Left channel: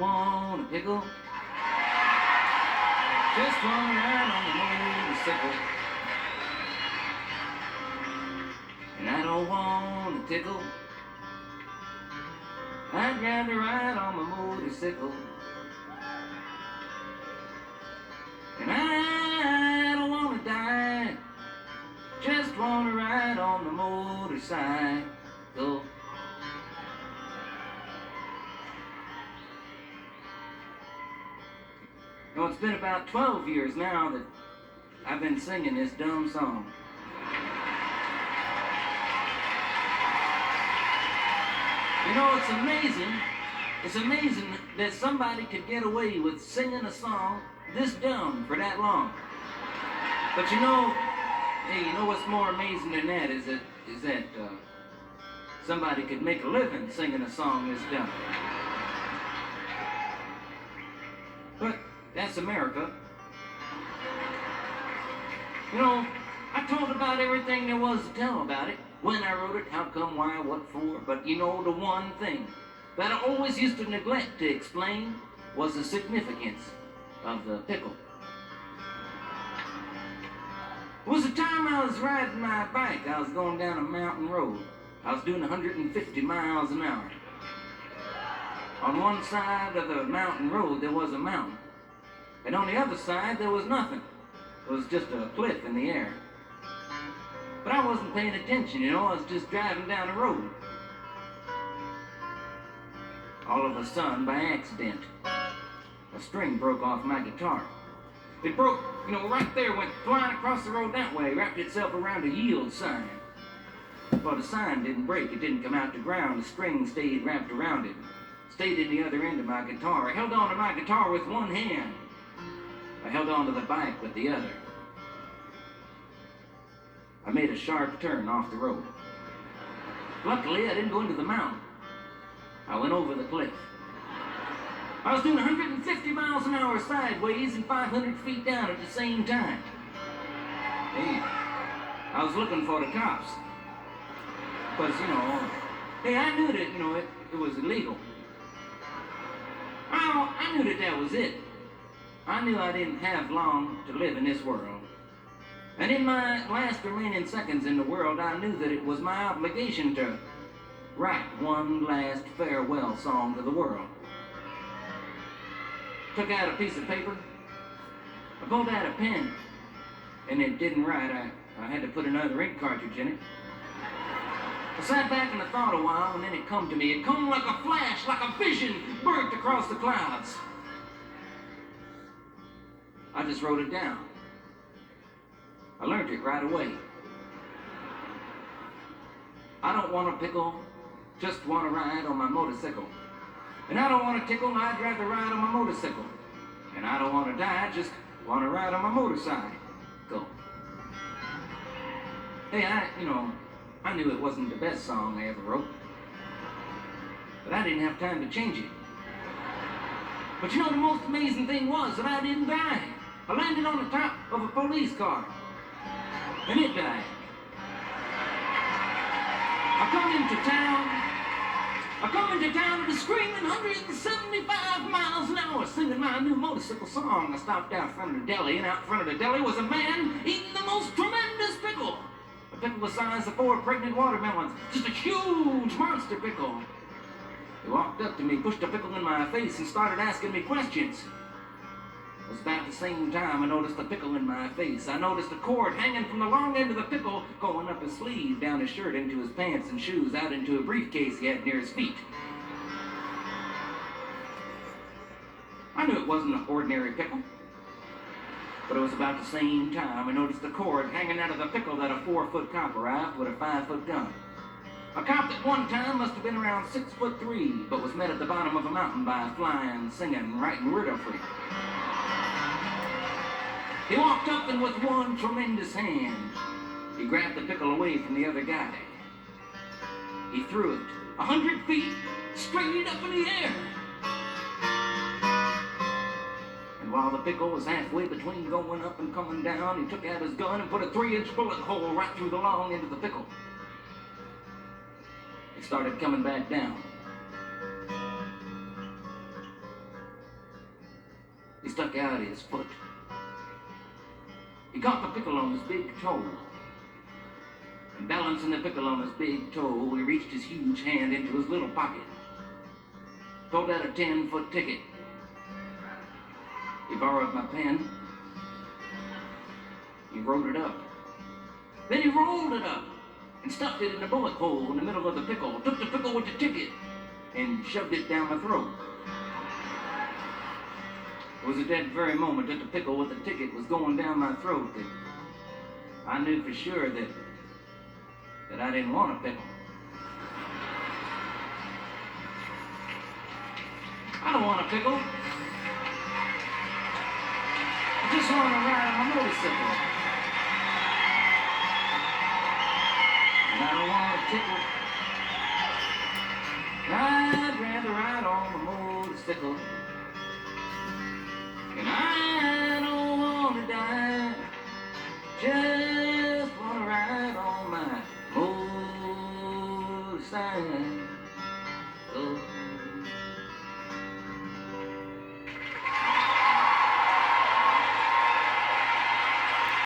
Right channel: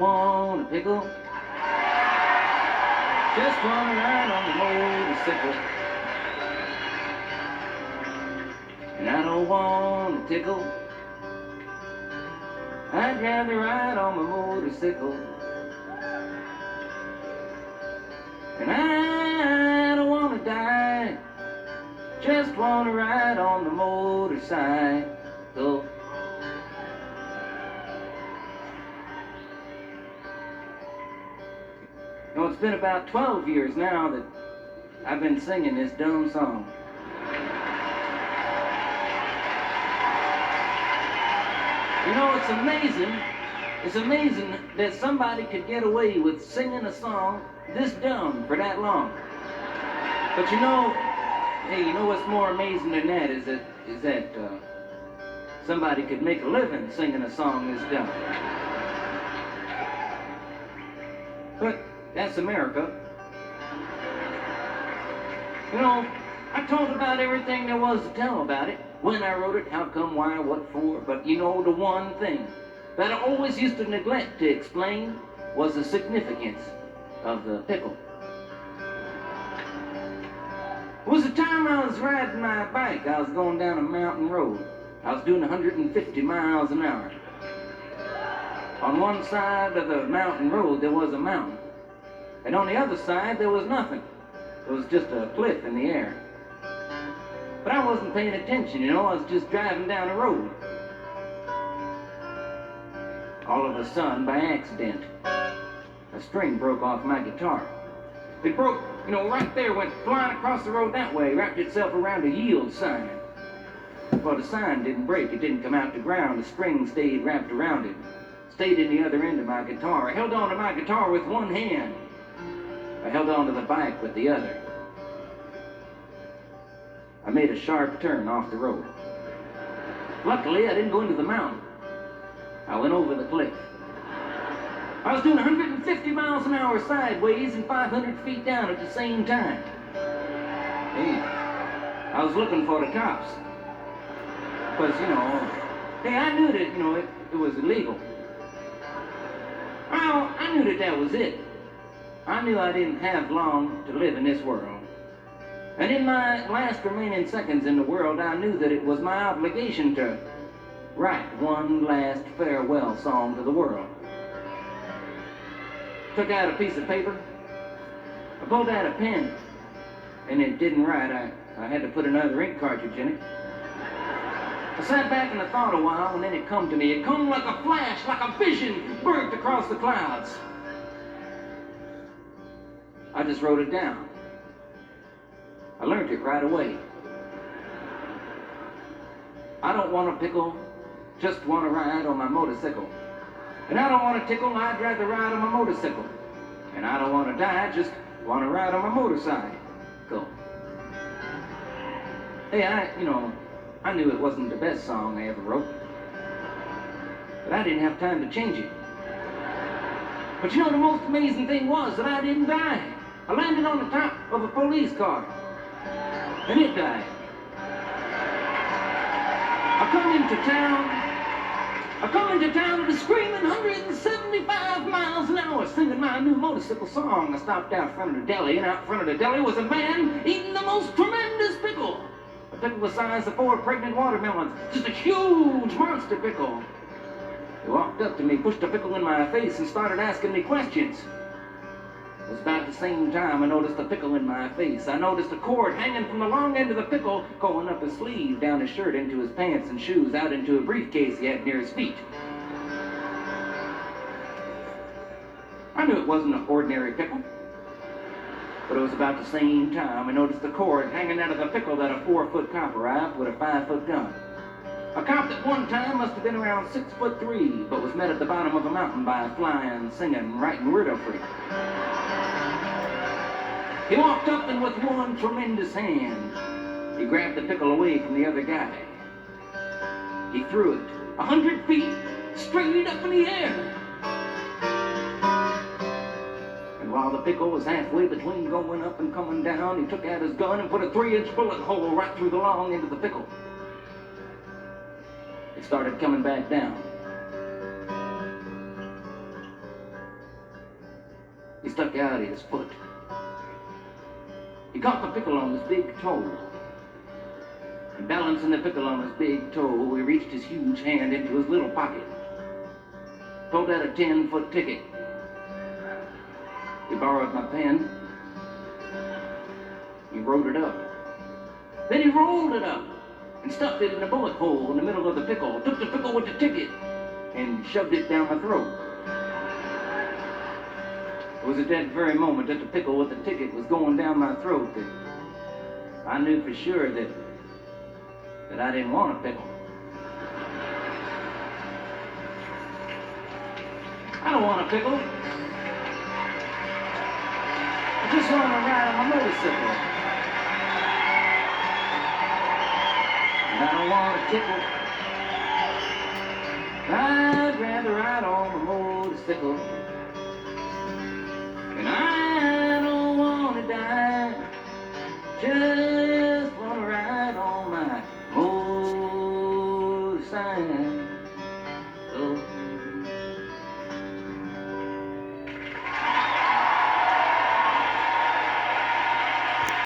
want a pickle. Just wanna ride on the motorcycle. And I don't want a tickle. I'd rather ride on my motorcycle. And I don't wanna die. Just wanna ride on the motorcycle. You know, it's been about 12 years now that I've been singing this dumb song. You know, it's amazing that somebody could get away with singing a song this dumb for that long. But you know, hey, you know what's more amazing than that is that somebody could make a living singing a song this dumb. But that's America. You know, I told about everything there was to tell about it. When I wrote it, how come, why, what for. But you know, the one thing that I always used to neglect to explain was the significance of the pickle. It was the time I was riding my bike. I was going down a mountain road. I was doing 150 miles an hour. On one side of the mountain road, there was a mountain. And on the other side, there was nothing. It was just a cliff in the air. But I wasn't paying attention, you know. I was just driving down the road. All of a sudden, by accident, a string broke off my guitar. It broke, you know, right there, went flying across the road that way, wrapped itself around a yield sign. Well, the sign didn't break. It didn't come out the ground. The string stayed wrapped around it. Stayed in the other end of my guitar. I held on to my guitar with one hand. I held on to the bike with the other. I made a sharp turn off the road. Luckily, I didn't go into the mountain. I went over the cliff. I was doing 150 miles an hour sideways and 500 feet down at the same time. Hey, I was looking for the cops. Because, you know, hey, I knew that, you know, it was illegal. Well, I knew that was it. I knew I didn't have long to live in this world. And in my last remaining seconds in the world, I knew that it was my obligation to write one last farewell song to the world. Took out a piece of paper, I pulled out a pen, and it didn't write. I had to put another ink cartridge in it. I sat back and I thought a while, and then it come to me. It come like a flash, like a vision, burst across the clouds. I just wrote it down. I learned it right away. I don't want a pickle, just want to ride on my motorcycle. And I don't want a tickle, I'd rather ride on my motorcycle. And I don't want to die, just want to ride on my motorcycle. Hey, I knew it wasn't the best song I ever wrote. But I didn't have time to change it. But you know, the most amazing thing was that I didn't die. I landed on the top of a police car. And it died. I come into town and screaming 175 miles an hour, singing my new motorcycle song. I stopped out front of the deli, and out front of the deli was a man eating the most tremendous pickle. A pickle the size of 4 pregnant watermelons. Just a huge monster pickle. He walked up to me, pushed a pickle in my face, and started asking me questions. It was about the same time I noticed a pickle in my face. I noticed a cord hanging from the long end of the pickle, going up his sleeve, down his shirt, into his pants and shoes, out into a briefcase he had near his feet. I knew it wasn't an ordinary pickle. But it was about the same time I noticed a cord hanging out of the pickle that a 4-foot cop arrived with a 5-foot gun. A cop that one time must have been around 6'3", but was met at the bottom of a mountain by a flying, singing, writing riddle freak. He walked up and with one tremendous hand, he grabbed the pickle away from the other guy. He threw it 100 feet straight up in the air. And while the pickle was halfway between going up and coming down, he took out his gun and put a 3-inch bullet hole right through the long end of the pickle. It started coming back down. He stuck out his foot. He caught the pickle on his big toe. And balancing the pickle on his big toe, he reached his huge hand into his little pocket, pulled out a 10-foot ticket. He borrowed my pen. He wrote it up. Then he rolled it up and stuffed it in a bullet hole in the middle of the pickle, took the pickle with the ticket, and shoved it down my throat. It was at that very moment that the pickle with the ticket was going down my throat that I knew for sure that I didn't want a pickle. I don't want a pickle. I just want to ride on my motorcycle. And I don't want a tickle. I'd rather ride on a motorcycle.